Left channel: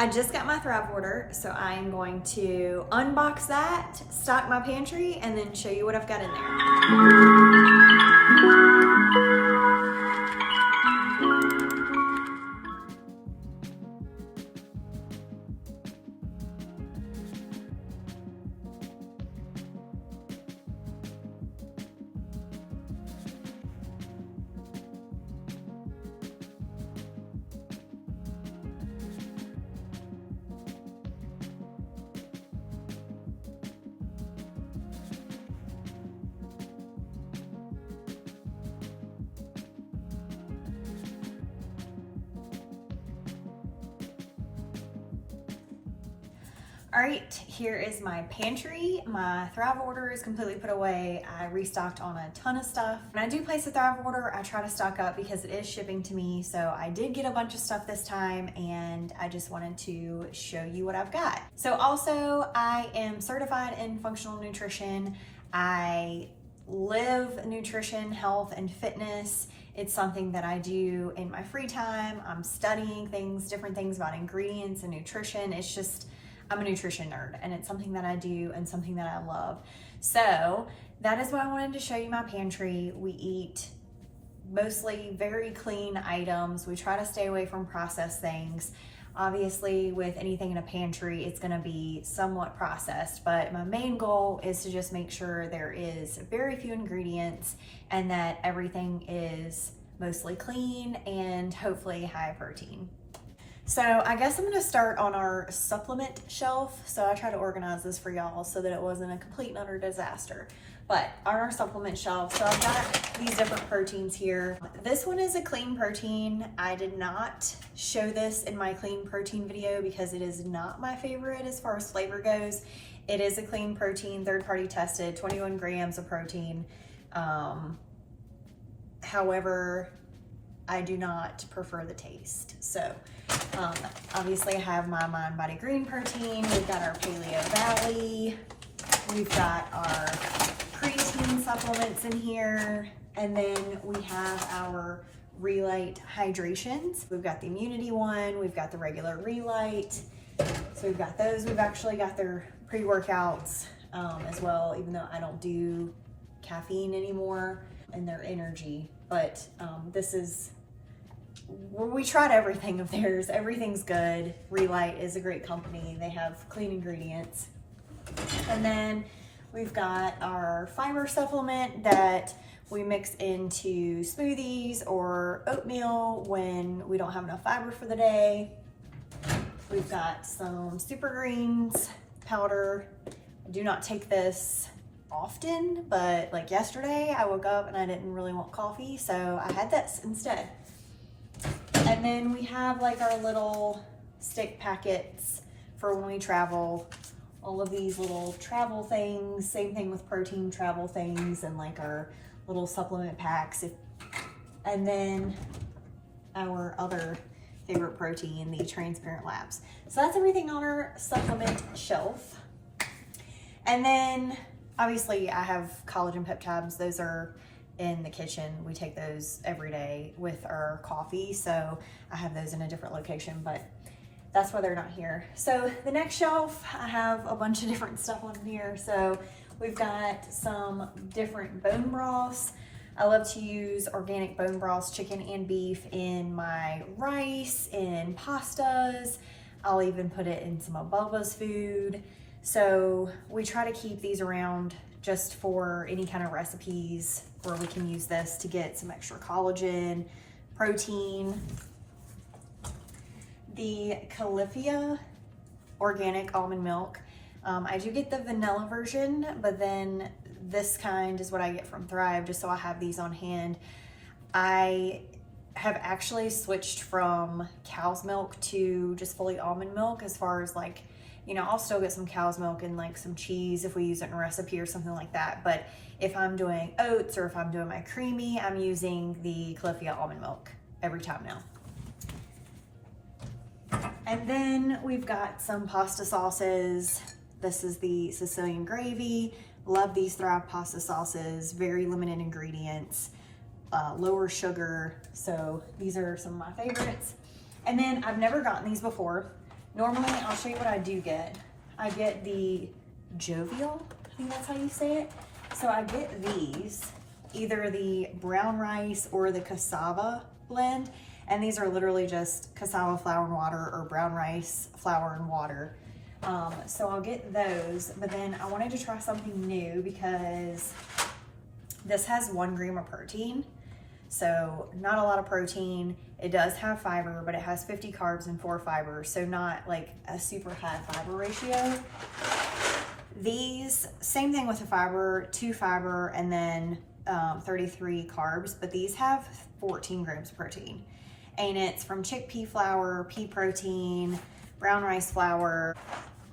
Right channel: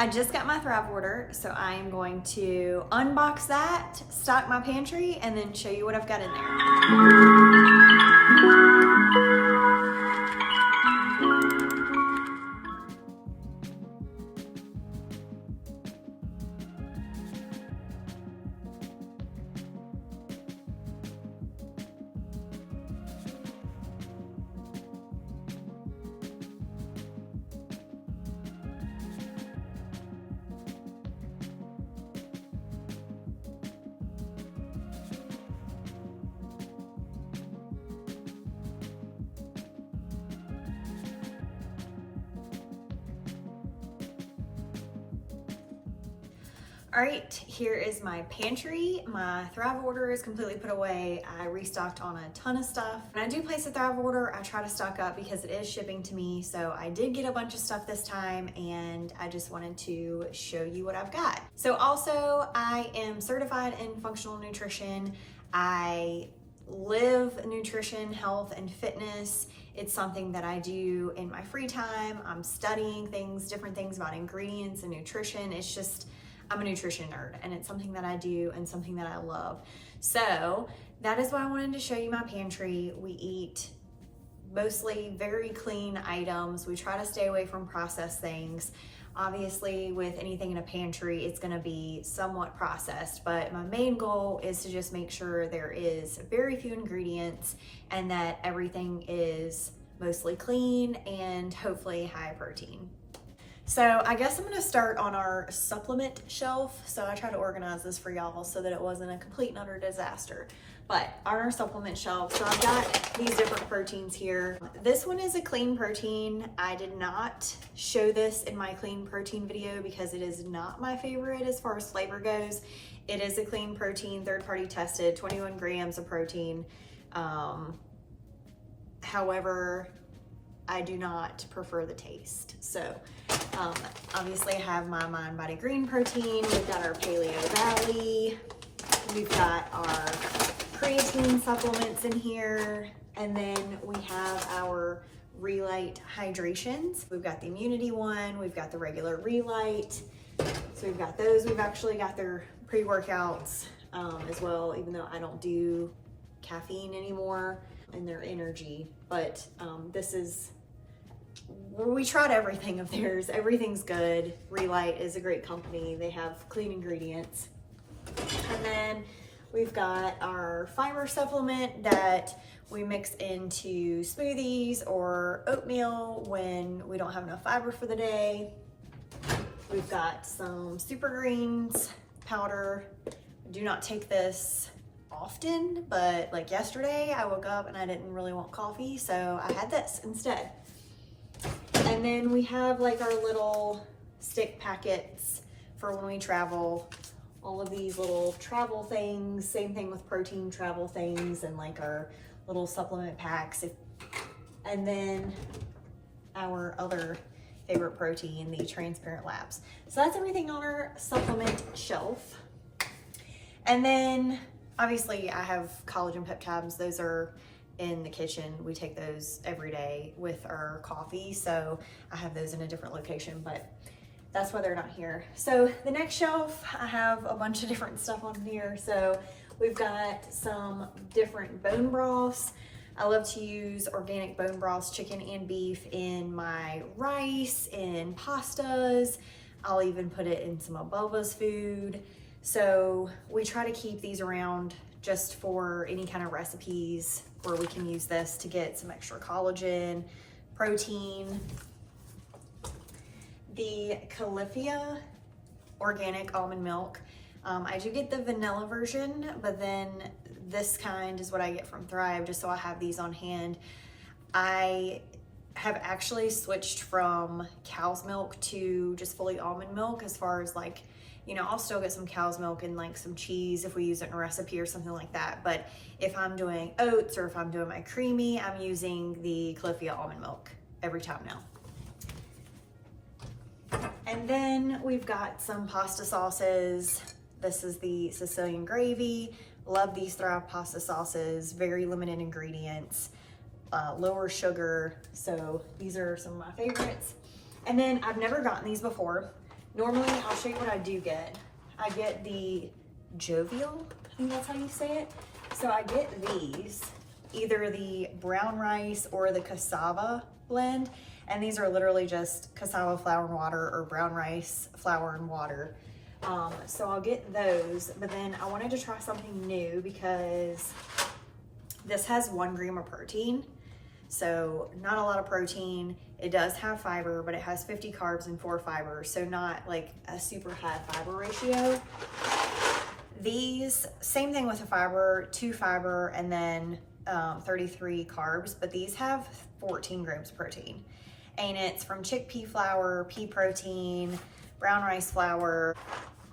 I just got my Thrive order, so I am going to unbox that, stock my pantry, and then show you what I've got in there. All right, here is my pantry. My Thrive order is completely put away. I restocked on a ton of stuff. When I do place a Thrive order, I try to stock up because it is shipping to me. So I did get a bunch of stuff this time and I just wanted to show you what I've got. So also I am certified in functional nutrition. I live nutrition, health, and fitness. It's something that I do in my free time. I'm studying things, different things about ingredients and nutrition. It's just, I'm a nutrition nerd and it's something that I do and something that I love. So that is why I wanted to show you my pantry. We eat mostly very clean items. We try to stay away from processed things. Obviously with anything in a pantry, it's gonna be somewhat processed, but my main goal is to just make sure there is very few ingredients and that everything is mostly clean and hopefully high protein. So I guess I'm gonna start on our supplement shelf. So I try to organize this for y'all so that it wasn't a complete and utter disaster. But on our supplement shelf, so I've got these different proteins here. This one is a clean protein. I did not show this in my clean protein video because it is not my favorite as far as flavor goes. It is a clean protein, third-party tested, 21 grams of protein. However, I do not prefer the taste. So obviously I have my Mind Body Green protein. We've got our Paleo Valley. We've got our creatine supplements in here. And then we have our Relight hydrations. We've got the immunity one. We've got the regular Relight. So we've got those. We've actually got their pre-workouts as well, even though I don't do caffeine anymore, and their energy. But this is, we tried everything of theirs. Everything's good. Relight is a great company. They have clean ingredients. And then we've got our fiber supplement that we mix into smoothies or oatmeal when we don't have enough fiber for the day. We've got some super greens powder. I do not take this often, but like yesterday I woke up and I didn't really want coffee, so I had this instead. And then we have like our little stick packets for when we travel. All of these little travel things, same thing with protein travel things, and like our little supplement packs. And then our other favorite protein, the transparent labs. So that's everything on our supplement shelf. And then obviously I have collagen peptides. Those are in the kitchen. We take those every day with our coffee. So I have those in a different location, but that's why they're not here. So the next shelf, I have a bunch of different stuff on here. So we've got some different bone broths. I love to use organic bone broths, chicken and beef, in my rice, in pastas. I'll even put it in some of Bubba's food. So we try to keep these around just for any kind of recipes where we can use this to get some extra collagen, protein. The Califia organic almond milk. I do get the vanilla version, but then this kind is what I get from Thrive, just so I have these on hand. I have actually switched from cow's milk to just fully almond milk, as far as like, you know, I'll still get some cow's milk and like some cheese if we use it in a recipe or something like that. But if I'm doing oats or if I'm doing my creamy, I'm using the Califia almond milk every time now. And then we've got some pasta sauces. This is the Sicilian gravy. Love these Thrive pasta sauces. Very limited ingredients, lower sugar. So these are some of my favorites. And then I've never gotten these before. Normally, I'll show you what I do get. I get the Jovial, I think that's how you say it. So I get these, either the brown rice or the cassava blend. And these are literally just cassava flour and water or brown rice flour and water. So I'll get those, but then I wanted to try something new because this has 1 gram of protein. So not a lot of protein. It does have fiber, but it has 50 carbs and 4 fiber. So not like a super high fiber ratio. These, same thing with the fiber, 2 fiber and then 33 carbs, but these have 14 grams of protein. And it's from chickpea flour, pea protein, brown rice flour.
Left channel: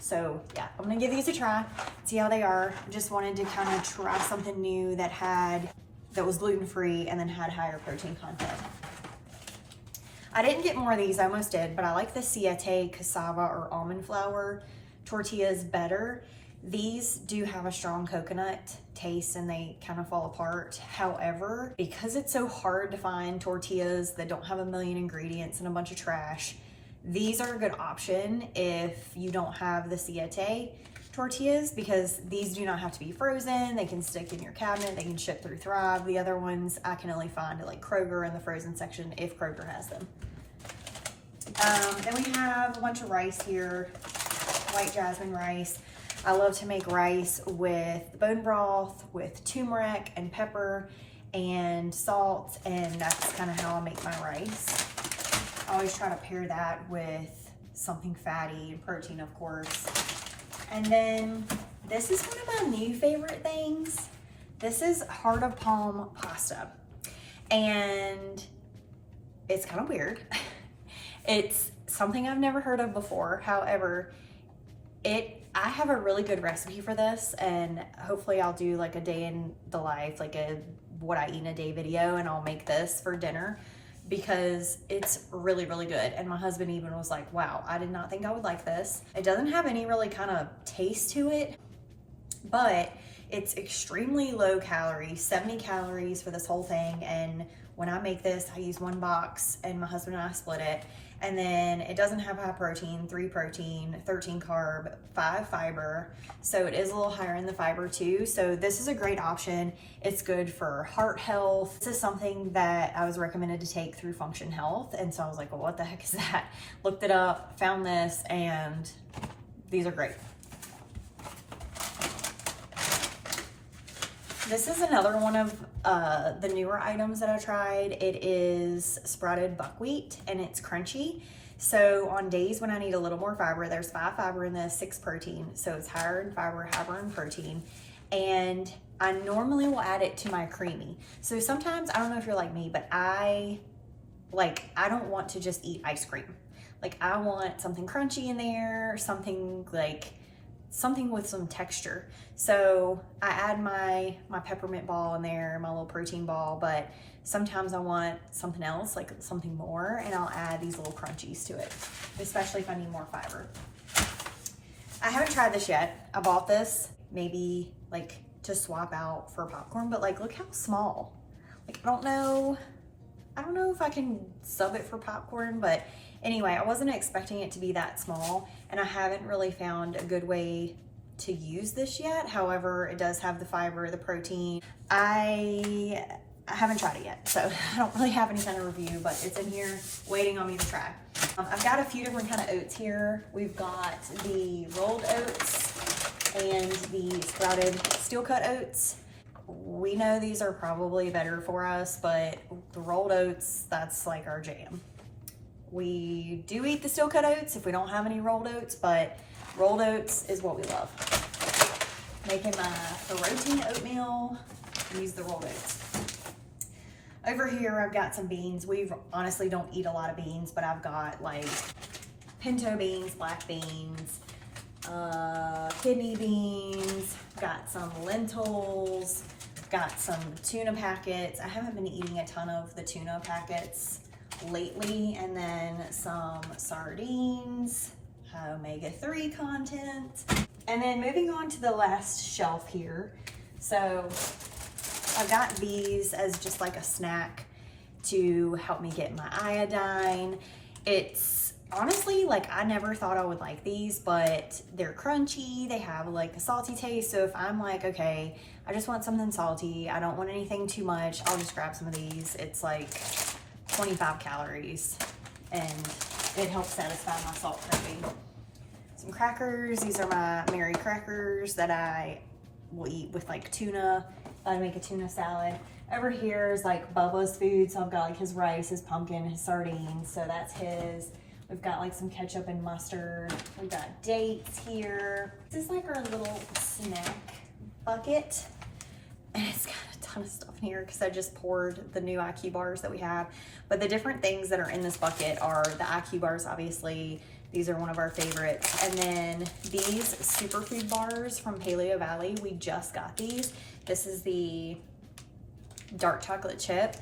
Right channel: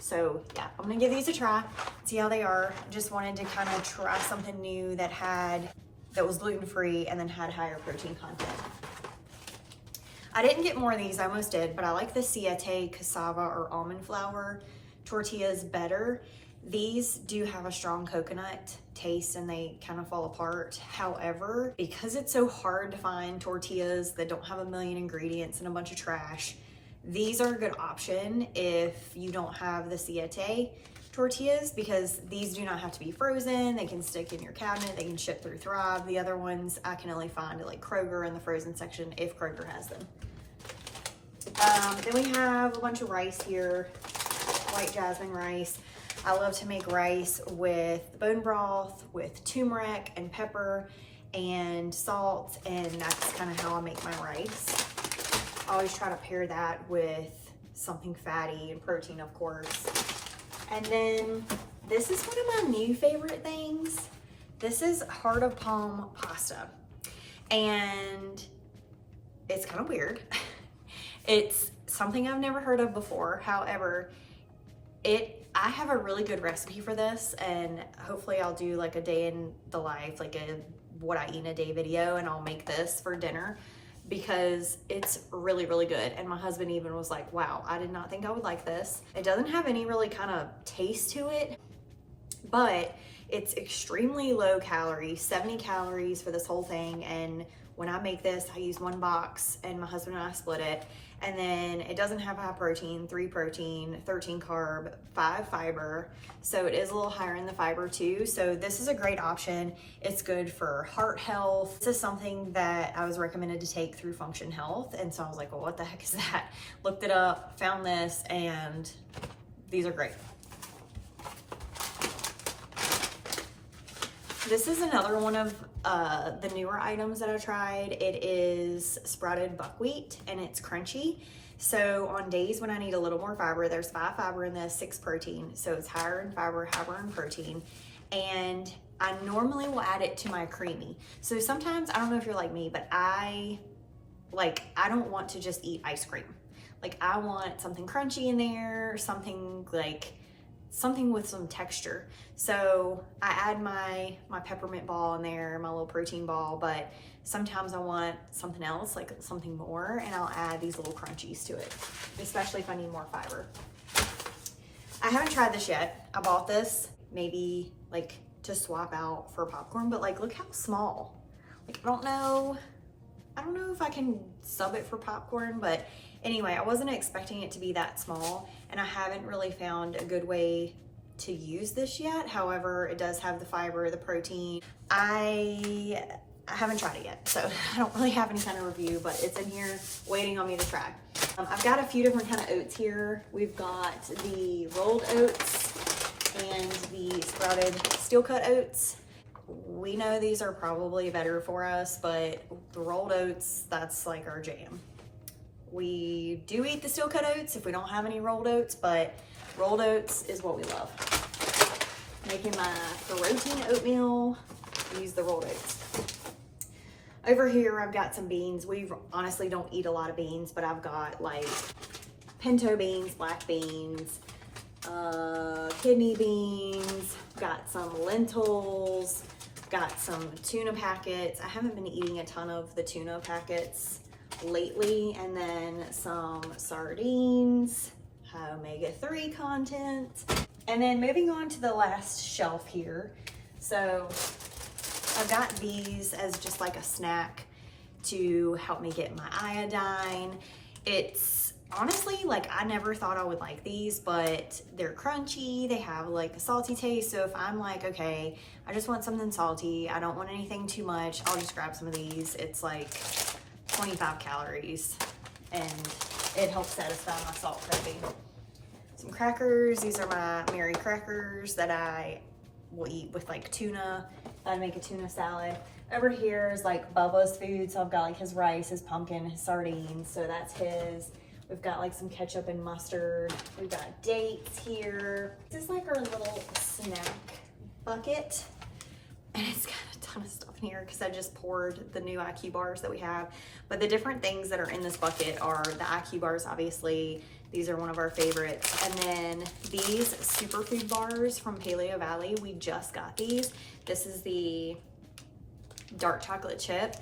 So yeah, I'm gonna give these a try, see how they are. Just wanted to kind of try something new that was gluten-free and then had higher protein content. I didn't get more of these, I almost did, but I like the Siete cassava or almond flour tortillas better. These do have a strong coconut taste and they kind of fall apart. However, because it's so hard to find tortillas that don't have a million ingredients and a bunch of trash, these are a good option if you don't have the Siete tortillas, because these do not have to be frozen. They can stick in your cabinet, they can ship through Thrive. The other ones I can only find at like Kroger in the frozen section if Kroger has them. Then we have a bunch of rice here, white jasmine rice. I love to make rice with bone broth, with turmeric and pepper and salt, and that's kind of how I make my rice. I always try to pair that with something fatty and protein, of course. And then this is one of my new favorite things. This is heart of palm pasta, and it's kind of weird. It's something I've never heard of before. However, I have a really good recipe for this, and hopefully I'll do like a day in the life, like a what I eat in a day video, and I'll make this for dinner because it's really, really good. And my husband even was like, wow, I did not think I would like this. It doesn't have any really kind of taste to it, but it's extremely low calories, 70 calories for this whole thing. And when I make this, I use 1 box and my husband and I split it. And then it doesn't have high protein, 3 protein, 13 carb, 5 fiber. So it is a little higher in the fiber too. So this is a great option. It's good for heart health. This is something that I was recommended to take through Function Health. And so I was like, well, what the heck is that? Looked it up, found this, and these are great. This is another one of the newer items that I tried. It is sprouted buckwheat and it's crunchy. So on days when I need a little more fiber, there's 5 fiber in this, 6 protein. So it's higher in fiber, higher in protein. And I normally will add it to my creamy. So sometimes, I don't know if you're like me, but I don't want to just eat ice cream. Like I want something crunchy in there, something with some texture. So I add my peppermint ball in there, my little protein ball, but sometimes I want something else, like something more, and I'll add these little crunchies to it, especially if I need more fiber. I haven't tried this yet. I bought this maybe like to swap out for popcorn, but like look how small. Like I don't know if I can sub it for popcorn, but anyway, I wasn't expecting it to be that small, and I haven't really found a good way to use this yet. However, it does have the fiber, the protein. I haven't tried it yet, so I don't really have any kind of review, but it's in here waiting on me to try. I've got a few different kind of oats here. We've got the rolled oats and the sprouted steel cut oats. We know these are probably better for us, but the rolled oats, that's like our jam. We do eat the steel cut oats if we don't have any rolled oats, but rolled oats is what we love. Making my protein oatmeal, use the rolled oats. Over here, I've got some beans. We honestly don't eat a lot of beans, but I've got like pinto beans, black beans, kidney beans, got some lentils, got some tuna packets. I haven't been eating a ton of the tuna packets lately, and then some sardines, high omega-3 content. And then moving on to the last shelf here. So I've got these as just like a snack to help me get my iodine. It's honestly, like I never thought I would like these, but they're crunchy. They have like a salty taste. So if I'm like, okay, I just want something salty, I don't want anything too much, I'll just grab some of these. It's like 25 calories and it helps satisfy my salt craving. Some crackers. These are my Mary crackers that I will eat with like tuna. I'd make a tuna salad. Over here is like Bubba's food. So I've got like his rice, his pumpkin, his sardines. So that's his. We've got like some ketchup and mustard. We've got dates here. This is like our little snack bucket. And it's got a ton of stuff in here because I just poured the new IQ bars that we have. But the different things that are in this bucket are the IQ bars, obviously. These are one of our favorites. And then these superfood bars from Paleo Valley, we just got these. This is the dark chocolate chip.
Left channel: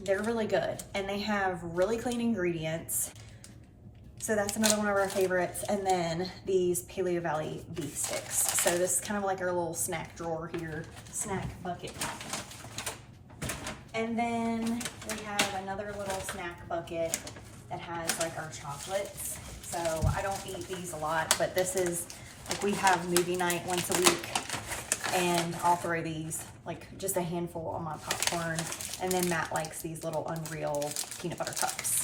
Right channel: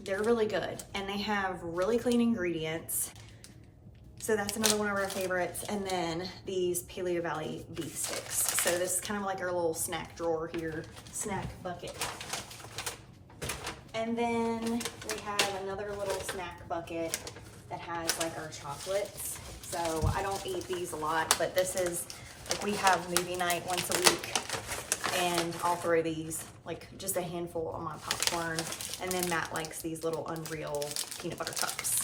They're really good and they have really clean ingredients. So that's another one of our favorites. And then these Paleo Valley beef sticks. So this is kind of like our little snack drawer here, snack bucket. And then we have another little snack bucket that has like our chocolates. So I don't eat these a lot, but this is like we have movie night once a week and I'll throw these, like just a handful on my popcorn. And then Matt likes these little Unreal peanut butter cups.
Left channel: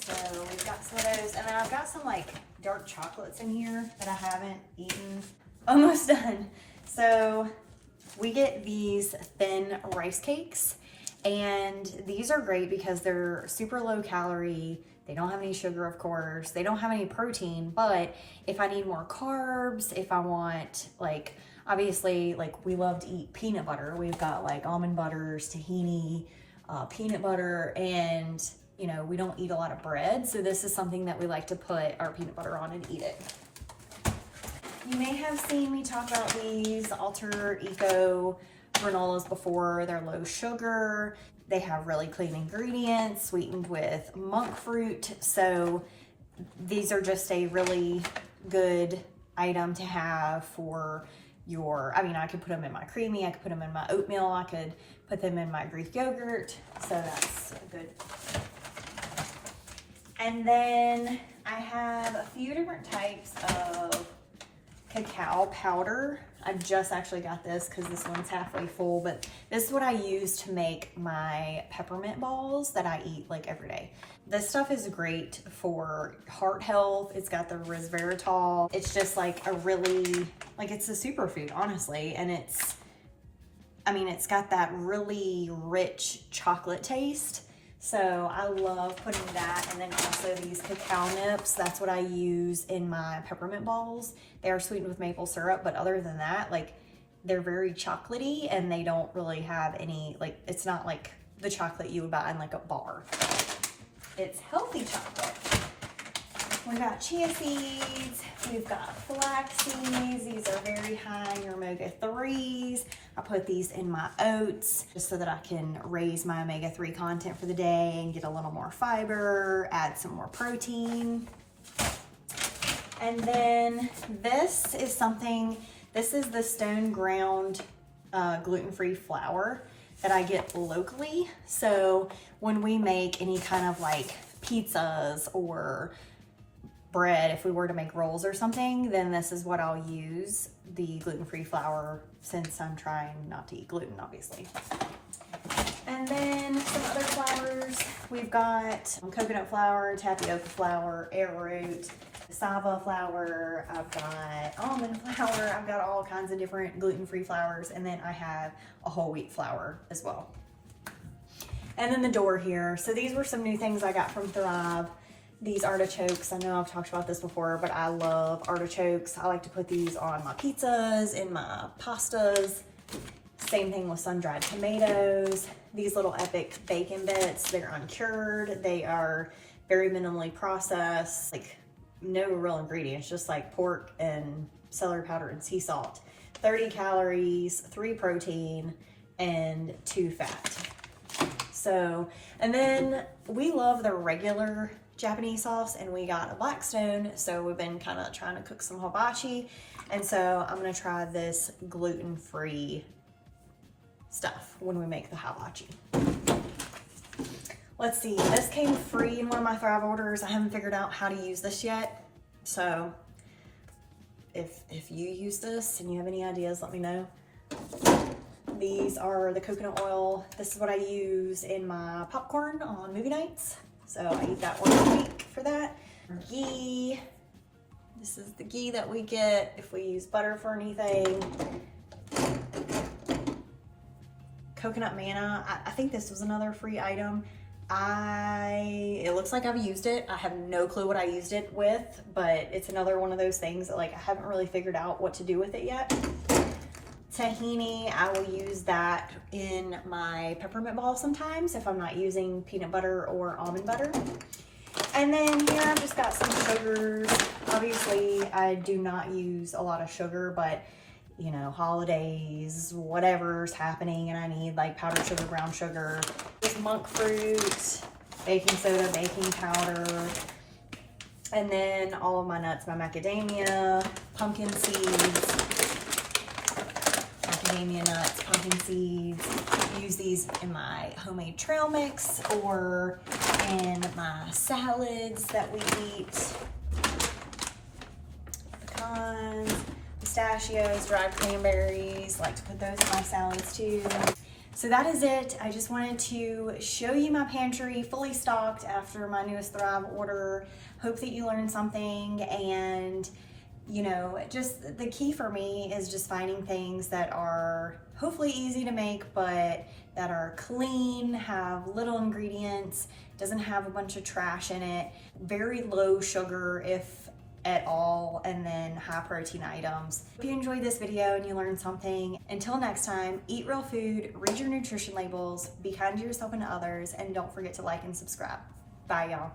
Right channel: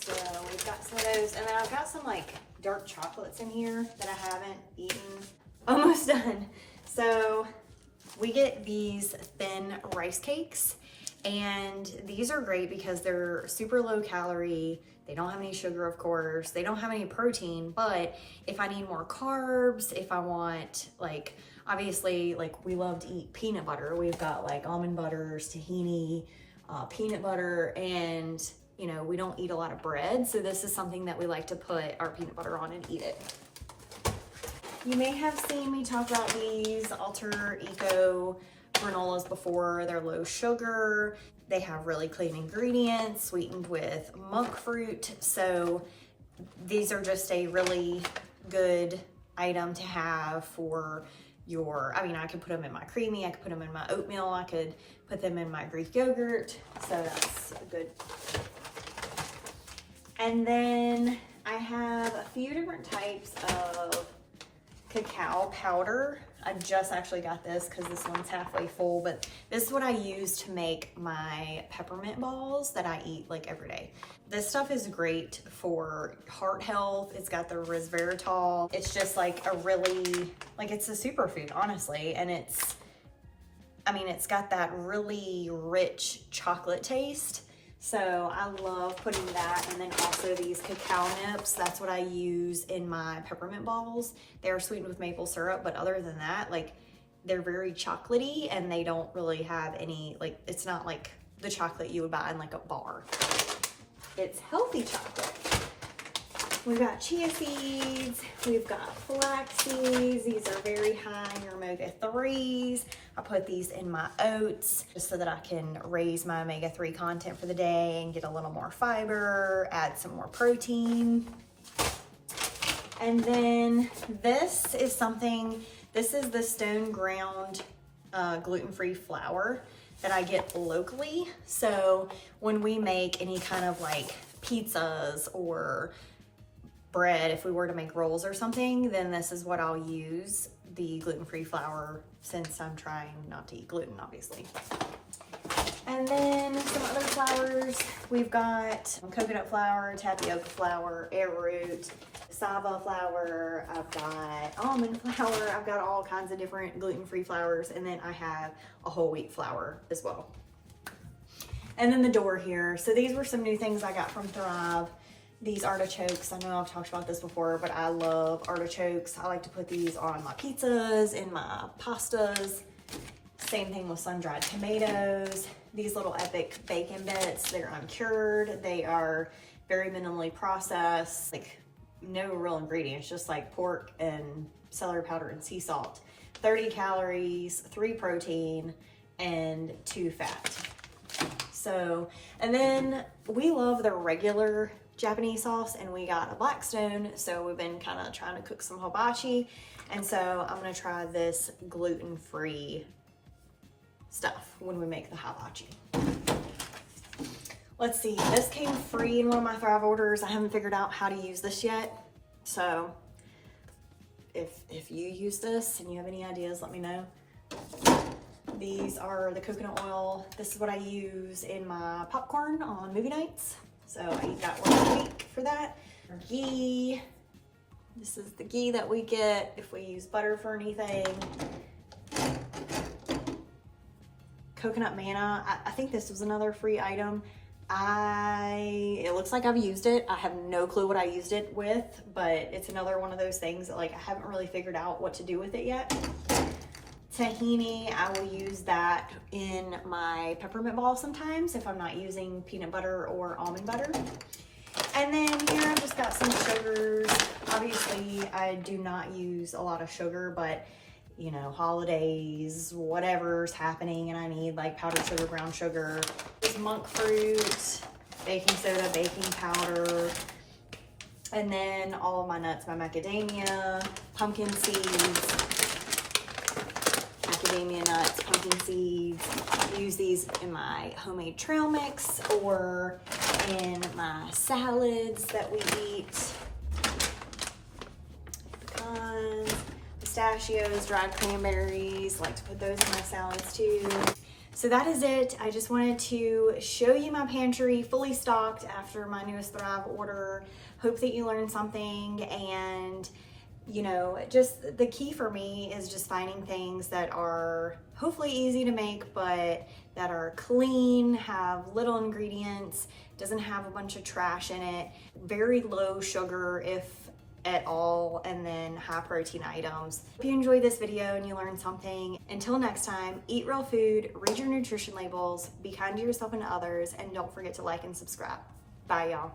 So we've got some of those, and then I've got some like dark chocolates in here that I haven't eaten. Almost done. So we get these thin rice cakes, and these are great because they're super low calorie. They don't have any sugar, of course. They don't have any protein, but if I need more carbs, if I want like, obviously like we love to eat peanut butter. We've got like almond butters, tahini, peanut butter, and you know, we don't eat a lot of bread, so this is something that we like to put our peanut butter on and eat it. You may have seen me talk about these Alter Eco granolas before. They're low sugar. They have really clean ingredients, sweetened with monk fruit. So these are just a really good item to have for your, I mean, I could put them in my creamy, I could put them in my oatmeal, I could put them in my Greek yogurt. So that's good. And then I have a few different types of cacao powder. I just actually got this because this one's halfway full, but this is what I use to make my peppermint balls that I eat like every day. This stuff is great for heart health. It's got the resveratrol. It's just like a really, like it's a superfood, honestly. And it's, I mean, it's got that really rich chocolate taste. So I love putting that, and then also these cacao nips. That's what I use in my peppermint balls. They are sweetened with maple syrup, but other than that, like they're very chocolatey and they don't really have any, like it's not like the chocolate you would buy in like a bar. It's healthy chocolate. We've got chia seeds, we've got flax seeds. These are very high in your omega-3s. I put these in my oats just so that I can raise my omega-3 content for the day and get a little more fiber, add some more protein. And then this is something, this is the stone ground gluten-free flour that I get locally. So when we make any kind of like pizzas or bread, if we were to make rolls or something, then this is what I'll use, the gluten-free flour, since I'm trying not to eat gluten, obviously. And then some other flours. We've got coconut flour, tapioca flour, arrowroot, cassava flour. I've got almond flour. I've got all kinds of different gluten-free flours. And then I have a whole wheat flour as well. And then the door here. So these were some new things I got from Thrive. These artichokes, I know I've talked about this before, but I love artichokes. I like to put these on my pizzas, in my pastas. Same thing with sun-dried tomatoes. These little epic bacon bits, they're uncured. They are very minimally processed, like no real ingredients, just like pork and celery powder and sea salt. 30 calories, 3 protein, and 2 fat. So, and then we love the regular Japanese sauce, and we got a Blackstone, so we've been kind of trying to cook some hibachi, and so I'm gonna try this gluten-free stuff when we make the hibachi. let's see, this came free in one of my Thrive orders. I haven't figured out how to use this yet. So if you use this and you have any ideas, let me know. These are the coconut oil. This is what I use in my popcorn on movie nights. So I eat that once a week for that. Ghee. This is the ghee that we get if we use butter for anything. Coconut manna. I think this was another free item. It looks like I've used it. I have no clue what I used it with, but it's another one of those things that like I haven't really figured out what to do with it yet. Tahini, I will use that in my peppermint ball sometimes if I'm not using peanut butter or almond butter. And then here I've just got some sugars. Obviously, I do not use a lot of sugar, but you know, holidays, whatever's happening, and I need like powdered sugar, brown sugar, just monk fruit, baking soda, baking powder, and then all of my nuts, my macadamia, pumpkin seeds, macadamia nuts, pumpkin seeds. I use these in my homemade trail mix or in my salads that we eat. Pecans, pistachios, dried cranberries, like to put those in my salads too. So that is it. I just wanted to show you my pantry fully stocked after my newest Thrive order. Hope that you learned something, and you know, just the key for me is just finding things that are hopefully easy to make, but that are clean, have little ingredients, doesn't have a bunch of trash in it, very low sugar if at all, and then high protein items. If you enjoyed this video and you learned something, until next time, eat real food, read your nutrition labels, be kind to yourself and others, and don't forget to like and subscribe. Bye, y'all.